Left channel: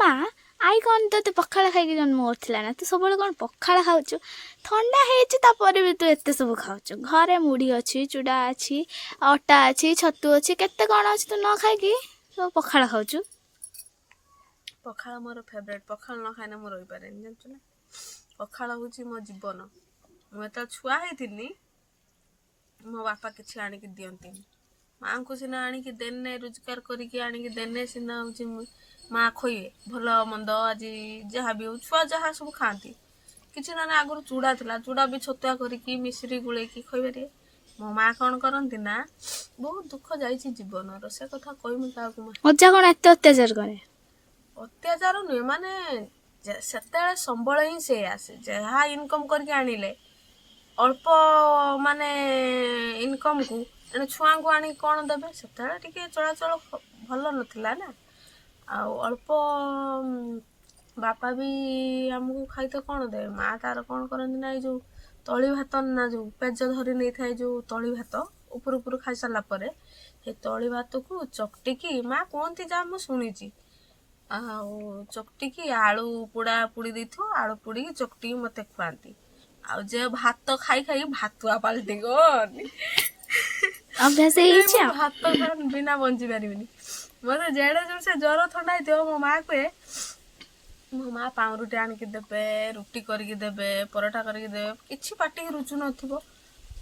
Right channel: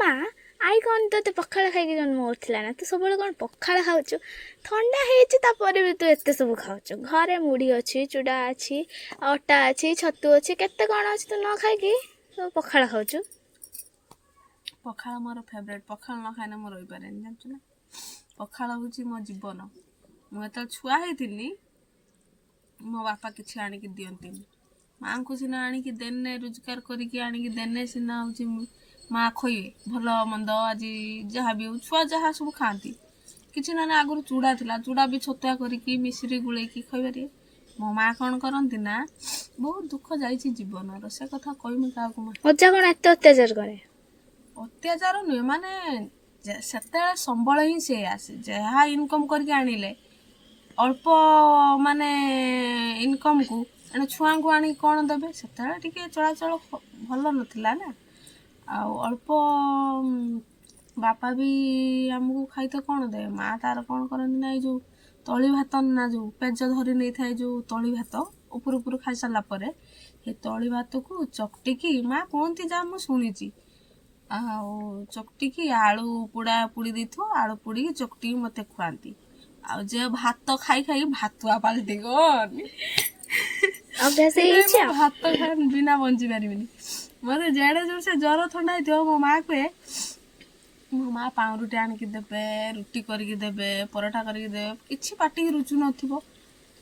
ମା ଆଇ କ'ଣ ତୋତେ ପଖାଳ ଖାଇକି ଜନ୍ମ କରିଥିଲା ନା? ତୁ ସବୁବେଳେ କ'ଣ ପଖାଳ ଖାଉଛୁ? ଥଣ୍ଡା ହେଇଛି ତାପରେ ବି ତୁ ଏତେ ସବୁ ଖାଉଛୁ। ଘରେ ମୁଢ଼ି ଅଛି, ଚୁଡ଼ା ଅଛି, ଅଟା ଅଛି, ଛତୁ ଅଛି, କେତେ କ'ଣ ଅଛି ତୁ ନ ଖାଇକି ସବୁ ପଖାଳ ଖାଉଛୁ। ପଖାଳ ମୋର ଫେଭରେଟ୍। ପଖାଳ ନ ଖାଇଲେ ମୁଁ ରହିପାରେନି, ଜାଣିଛୁ ନା। ପଖାଳ ହେଉଛି ମୋ ଜୀବନ। ମୁଁ ଯେତେବେଳେ ଛୁଆ ହେଇଥିଲି ମୋ ବାପା କିଛି ଆଣିକି ଦିଅନ୍ତିନି। ମାଆଙ୍କୁ ସିନା ଆଣିକି ଦେନେ, ରୋଜଗାର କରିକି ଆଣିକି ଦେନେ ସିନା ହେଉଛି ମା ଖୋଇବେ ଭଲ ମନ୍ଦ, ଆଜି ଯାହା ବି ହଉ ଛୁଆ ଯାହା ସବୁ ଖାଆନ୍ତି। କିଛି ନହେଲେ ଆଗରୁ ଚୁଡ଼ା ଥିଲା, ଚୁଡ଼ା ବି ଛତୁଆ କରିକି ମିଶ୍ରି ଗୋଳେଇକି ଖୋଇପାରିବେ। ମୋ ମା କ'ଣ କରନ୍ତି ନା, ବହୁତ ଦୁଃଖ ଯାଇଛି ଜୀବନର, ସେ କଥା କହିମି କାହାକୁ। ମା ଅଜା କ'ଣ ଏତେ ଅତ୍ୟାଚାର କରେ? ଅତ୍ୟାଚାର ନୁହେଁ, ମାନେ ସେତେବେଳେ ସମ୍ବଳ ହିଁ ସେ ଆସେ। ଯାହା ଇନକମ୍ କରିକି ଆଣିଲେ ଅଳ୍ପ ମାନେ ଇନକମ୍କୁ ଏଣେ ଛୁଆଙ୍କୁ ଆଣିକି କ'ଣ ଦେବେ? ସେତେବେଳେ ଟିକେ ଚଳାଚଳ ଭଲ ନଥିଲା ନା। ଆଉ ଅଳ୍ପ ବାପା ବି ଆମକୁ ଖାଇତେ କ'ଣ ଦେବେ? ମା ତାର କ'ଣ କରନ୍ତି ନା, ଏଇ ଯେଉଁ ତଳି ଭାତ ନା, ଯେଉଁ ପେଜ ଧରି ନେଇଥାଏ, ଯେଉଁ ତଳି ଭାତ ଉପରୁ ଉପରୁ ଖାଇସାରିଲା ପରେ ଏ ତଳି ଭାତକୁ ଚକଟିକି, ମା କୁହନ୍ତି ଯାହା ମୁଁ ଶୁଣିଛି, ଆଉ ଚକଟିକି ଆଳୁ ପୋଡ଼ା ପୋଡ଼ି ଦେଇଥିବ, ଆଳୁ ପୋଡ଼ିକି ଚକଟିକି ମୋତେ ଖୁଆନ୍ତି। ଆଉ ଯେ ଭାତ ଖାଇ ଖାଇ ଭାତୁଆ ପାଲଟି ଗନି। ଅଭ୍ୟାସ ହେଇଯାଇଛି ଆଉ। ଭାତ ବିନା ବଞ୍ଚି ପାରିବିନି। ମୋତେ ଯେଡ଼େ ଜୋର ସେ ଜ୍ୱର ଥଣ୍ଡା ହେଇଥିବ, ମୋ ମା କୁହେ, ମୋ ମା ପାଉଁରୁଟି ଆଣିକି ଦେବେ, ରୁଟି କରିକି ଦେବେ, ପରଟା କରିକି ଦେବେ, କିଛି ପାଟିକି ରୁଚୁ ନଥିବ।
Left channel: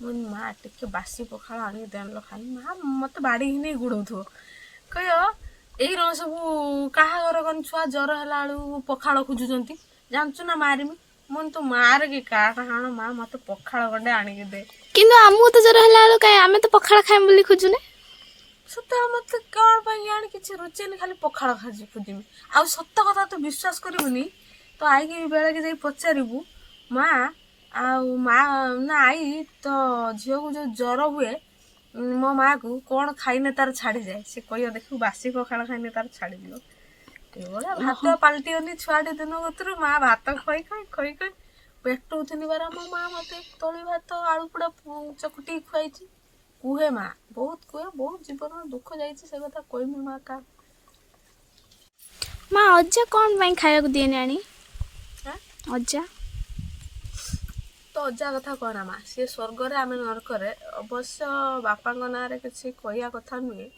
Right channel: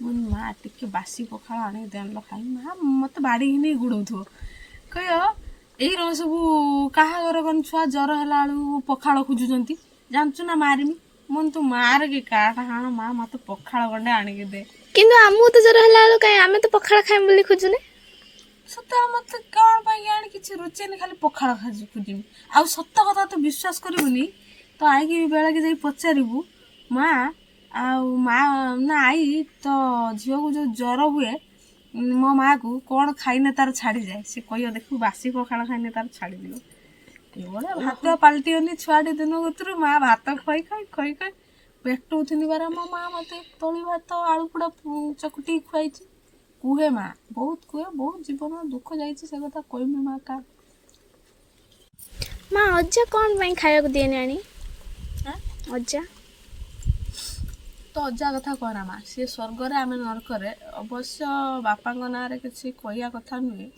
ମୁଁ ମା ଟିକେ ବାସି ପଖାଳ ଆଣିକି ଦେଲ ଖାଇ। ମା ମୋତେ ବାଡ଼ି ନେଇ ଗୋଡ଼ଉଥିବ, କହିବ ଏଇ ସବୁ କାହା ଘର କ'ଣ ଛୁଆ ଜ୍ୱର ହେଲା ବେଳକୁ ପଖାଳ ଖୋଜୁଛନ୍ତି, ଜାଣିଛୁ ନା ମାରିମି। ମୁଁ ତୁ ମାରେ କି କାହା ହାଣ, ମା ମୋତେ ପଖାଳ ଗଣ୍ଡେ ଆଣିକି ଦେ। କିନ୍ତୁ ଆମକୁ ତ ଜ୍ୱର ହେଲା ବେଳକୁ କାଇଁ ଆମେ ତ ପଖାଳ ଖାଇମୁ ବୋଲି ଖୋଜୁନେ। ସେତେବେଳେ ମୋତେ କ'ଣ ପାଇଁ ଆଣି କିଛି ରୁଚେନି, ଖାଲି ପଖାଳ ଖୋଜିମି। ଆଉ ସତ କଥା ତୁ ବିଶ୍ୱାସ କରିବୁନି, ତ ଆଇକି ବେଳେକି ଯାଇ ପଚାରିବୁ, ମା ନା ଆଇ ତ ଝିଅକୁ ଯେଉଁ ଜ୍ୱର ହୁଏ ମୋ ମାଆକୁ କ'ଣ ଖାଇନେ ତାର ଛାଡ଼ିଯାଏ। ସେ କହିବ ଦେଖିବୁ ବାସି ପଖାଳ ଖାଇନେ ତାର ଛାଡ଼ିଯିବ। ଏଇଭଳିଆ ଭାତ ପାଲଟିଗନି ଛୁଆଟି ଦିନ କତରୁ। ମା ଭାତ ଖୋଇ ଖୋଇ ପେଟଉଥିଲି ବାର ମୋ ମା ମୋତେ ତଳି ଭାତ ଆଳୁ ପୋଡ଼ା ଚକୁଟିକି ଖୁଆଇଛି। କୁହେ ମା, ବହୁତ କୁହେ, ବହୁତ ଜୀବନର ଦୁଃଖ ଯାଇଛି, ସେ କଥା କହିମି ମା କା। ମା ଅଜା କ'ଣ ପାଇଁ ଖାଇବାକୁ ଦିଏନି ଆଣି? ଅଜା ତ ଅଜା କଥା କହନା ମା, ସିଏ ସ୍ୱର୍ଗରେ ଆମେ ନରକରେ। ଅବଶ୍ୟ ବାପାଙ୍କ ନାଁରେ କିଛି କହିବା କଥା ନୁହେଁ।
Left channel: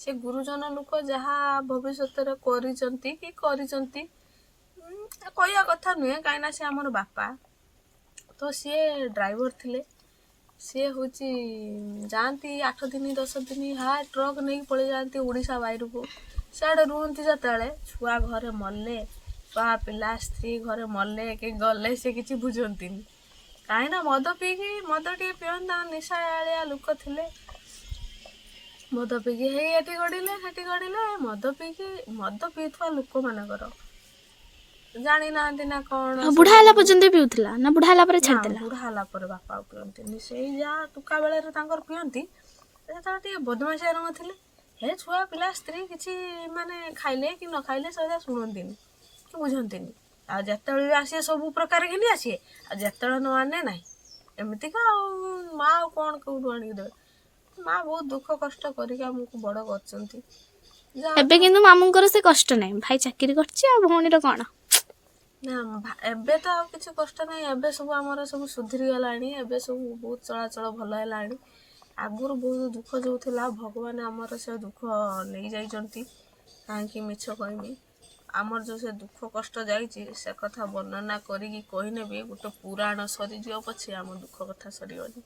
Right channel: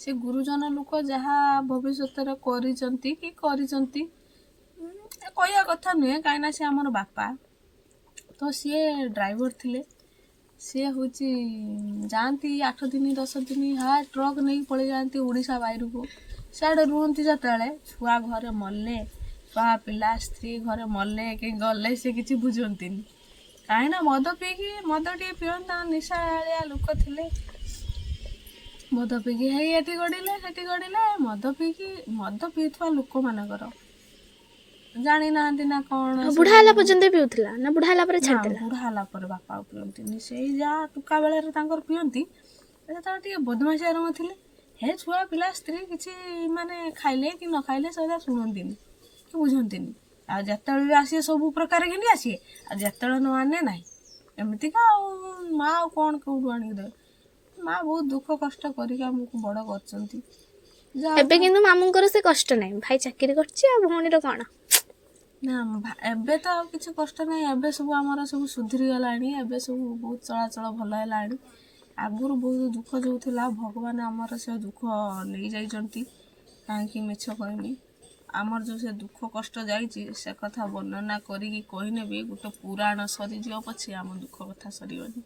ସେ ଗୁରୁଜନ ଲୋକ, ଯାହା ଭବିଷ୍ୟତରେ କରିଛନ୍ତି କି କରିଛନ୍ତି କହିବା କଥା ନୁହେଁ, କାହିଁକିନା ସେ ଆମର ବାପା। ତ ସିଏ ଡ୍ରାଇଭର ଥିଲେ। ସିଏ ହେଉଛି ଯାଆନ୍ତି 8 ଦିନ 10 ଦିନ ଟ୍ରକ୍ ନେଇକି ପଳେଇ ଯାଆନ୍ତି ଓଡ଼ିଶା ବାହାରକୁ। ସିଆଡ଼େ ରୁହନ୍ତି ଯେତେବେଳେ ଛୁଆ ଘରେ ମଲେ, ଛୁଆ ପିଲା ସ୍ତ୍ରୀ ଘରେ ମଲେ କି ଗଲେ, ସେ କିଛି ବୁଝନ୍ତିନି। କାହିଁକିନା ମଦ ଟିକେ ପିଅନ୍ତି, ନିଶାଳିଆ ଲୋକ ଥିଲେ। ମଦ ପିଇକି ହେଇ ଏଠି ଗଡ଼ିଲେ ସେଠି ଗଡ଼ିଲେ। ମଦ ପିଉଥିବା ଲୋକମାନଙ୍କର ଜାଣିନାହାନ୍ତି ନା କ'ଣ। ବୁଢ଼ା ହେଲା ପର୍ଯ୍ୟନ୍ତ ପିଉଥିଲା ନା ବୁଢ଼ା ହେଲା ପରେ ଛାଡ଼ିଦେଲା? ବୁଢ଼ା ହେଲା ପରେ ବାପା ଆଉ ପିଅନ୍ତିନି। ସେଇ ଯାହା ଟୁକା ବେଳରେ ତାଙ୍କର ପିଅନ୍ତି। ଯେତେବେଳେ ଟିକେ ବଦମାସିଆ ରଙ୍ଗ ଥିଲେ, ହେ ଛୁଆ ପିଲା ସ୍ତ୍ରୀ କିଛି ମାନେ ଖାଇଲେ କି ନ ଖାଇଲେ ସେଗୁଡ଼ା ଶୁଣନ୍ତିନି କି ବୁଝନ୍ତିନି। ଆଉ ଯେତେବେଳେ ବି ଆସିବେ ସବୁ ପ୍ରକାର ଘିନି ଆସିବେ, ଆଉ ଯେତେବେଳେ ନ ଆନେ ନାହିଁ। ଏମିତିକା ଆଉ ମା ଆଉ କ'ଣ କେଉଁଠୁ ଆଣିକି ଦେବେ? ମା ବହୁତ ଦୁଃଖ କଷ୍ଟ କରିକି ଆମକୁ ବଡ଼ କରିଛନ୍ତି। ଏବେ କିନ୍ତୁ ମାମୁଙ୍କର ସେ କଷ୍ଟ ନାହିଁ, ଭାଇ ଚାକିରି କରିଛି ଆଉ ଭଉଣୀର କ'ଣ? ନା ଏବେ ତ ଆଉ କିଛି କଷ୍ଟ ନାହିଁ। ଏବେ ସବୁ ଆମର ସବୁ ସୁଧୁରି ଗଲାଣି। ଏବେ ସବୁ ବହୁତ ଚଳାଚଳ ଭଲ ହେଲାଣି। ଆଗରୁ ବହୁତ ଦୁଃଖ ଯେଉଁ ଥିଲା, ଭଗବାନ ଆମର ସେ ଦୁଃଖ ନେଇଯାଇଛନ୍ତି। କାହିଁକି ମିଛ କହିମି, ଆମର ଯେଉଁ ସେ ଦୁଃଖ କଷ୍ଟ ଯାଇଛି, ସେ କଥା ବର୍ଣ୍ଣନା କରିକି କହିନେ ବି ଗୋଟେ ପୁରାଣ ସରିଯିବ ପଛେ ଆମ ଦୁଃଖ କଥା ସରିବନି।